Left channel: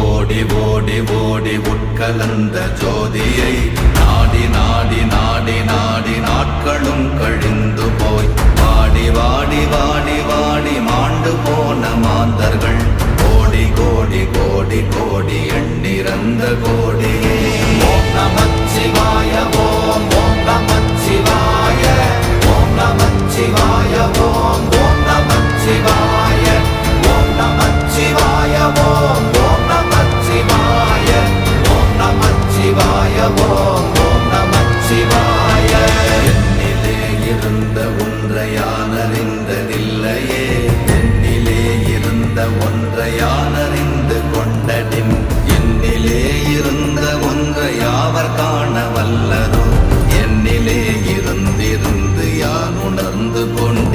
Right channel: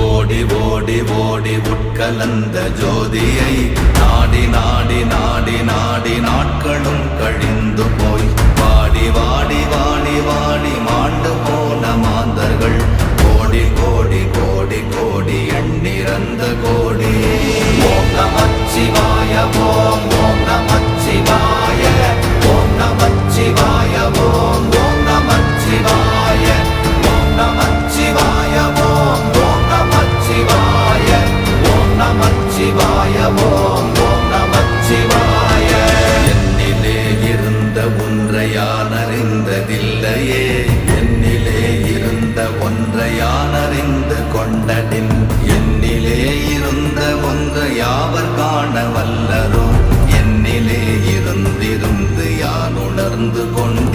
ஓடி ஓடி ஓடி உட்கலந்த ஜோதியை நாடி நாடி நாடி நாடி நாட்களும் கழிந்து போய் வாடி வாடி வாடி வாடி மாண்டு போன மாந்தர்கள் கோடி கோடி கோடி கோடி எண்ணிறந்த கோடியே. ஓம் நமச்சிவாய ஓம் ஓம் நமச்சிவாய ஓம் நமச்சிவாய ஓம் ஓம் நமச்சிவாய ஓம் நமச்சிவாய ஓம் ஓம் நமச்சிவாய ஓம் நமச்சிவாய ஓம் ஓம் நமச்சிவாய. என்னிலே இருந்த ஒன்றை யான் அறிந்ததில்லையே, என்னிலே இருந்த ஒன்றை யான் அறிந்து கொண்டடின், என்னிலே இருந்த ஒன்றை யாவர் காண வல்லரோ, என்னிலே இருந்திருந்து யான் உணர்ந்து கொண்டு